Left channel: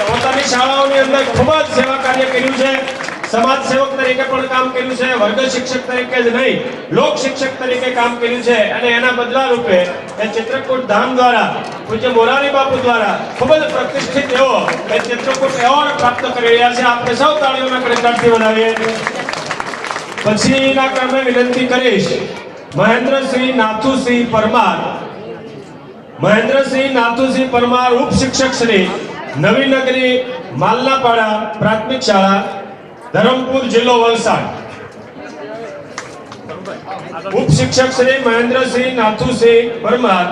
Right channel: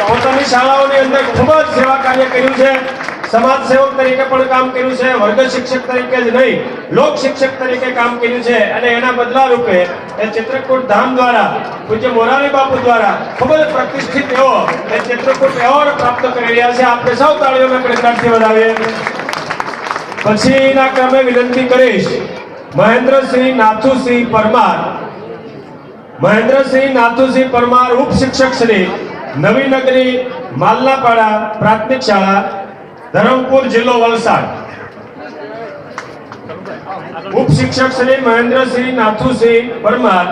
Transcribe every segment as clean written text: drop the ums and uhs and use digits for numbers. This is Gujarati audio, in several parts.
પોતાની શાળાઓની અંદર ખૂબ જ સેવા કાર્ય કર્યું છે, સમાજ સેવક તરીકે પણ કામ કર્યું છે, વર્ગ શિક્ષક તરીકે જ નહીં લોક શિક્ષક તરીકે કામ કર્યું છે અને એના બદલા રૂપે એ ચિત્રકૂટ ધામ દ્વારા પૂજ્ય મોરારી બાપુ દ્વારા ખૂબ જ પ્રતિષ્ઠિત એવો એ ચિત્રકૂટ એવોર્ડ પ્રાપ્ત કરી રહ્યા છે। આપણે સૌ તાળીઓના ગણગણાટથી વધાવીએ। પછીના ક્રમે વિનંતી કરીશ મહેન્દ્રસિંહ નાથુસિંહ પરમાર, મહેન્દ્રસિંહ નાથુસિંહ પરમાર ઉપશિક્ષક શ્રી નવીનગરી માલનાપાડા પ્રાથમિક શાળા ધરમપુર જિલ્લો વલસાડ। ઉપશિક્ષક શ્રી મહેન્દ્રસિંહ નાથુસિંહ પરમાર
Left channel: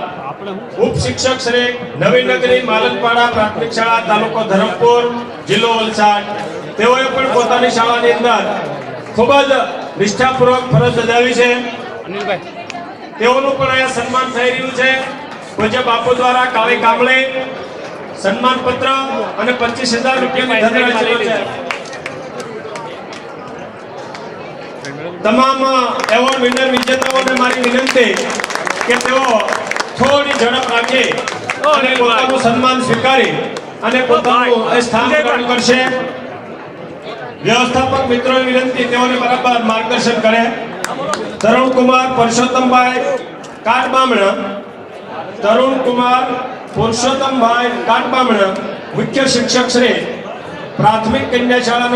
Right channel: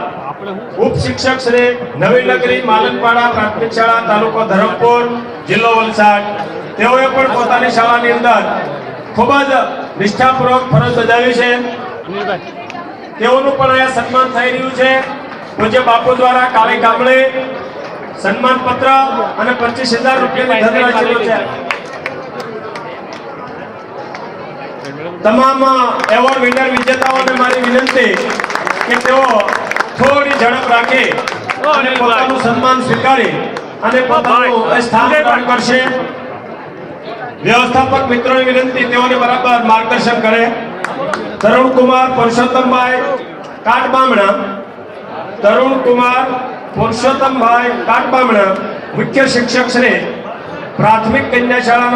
ઉપશિક્ષક શ્રી નવીનગરી માલનપાડા પ્રાથમિક શાળા તાલુકો ધરમપુર જિલ્લો વલસાડ। તેઓએ પણ પોતાની શાળાની અંદર ખૂબ જ નિષ્ઠાપૂર્વક ફરજ બજાવી છે। તેઓનું પણ અહીંયા સન્માન થઈ રહ્યું છે। પૂજ્ય બાપુ દ્વારા કાળી કામળે સન્માન પત્ર અને 25,000 રૂપિયાની ધનરાશિનો છે। તમામ એવોર્ડ વિનર વિજેતાઓને મારી વિનંતી કે તેઓ થોડી ઝડપ રાખે અને પોતાનું સન્માન સ્વીકારી અને પોતાનું સ્થાન ગ્રહણ કરશે। વ્યવસ્થાપક મિત્રોની વિનંતી તેઓને બરાબર માર્ગદર્શન કરે। તરુણકુમાર પુરુષોત્તમભાઈ કાટબામણા, તરુણકુમાર પુરુષોત્તમભાઈ કાટબામણા મુખ્ય શિક્ષક શ્રી પ્રાથમિક કન્યા શાળા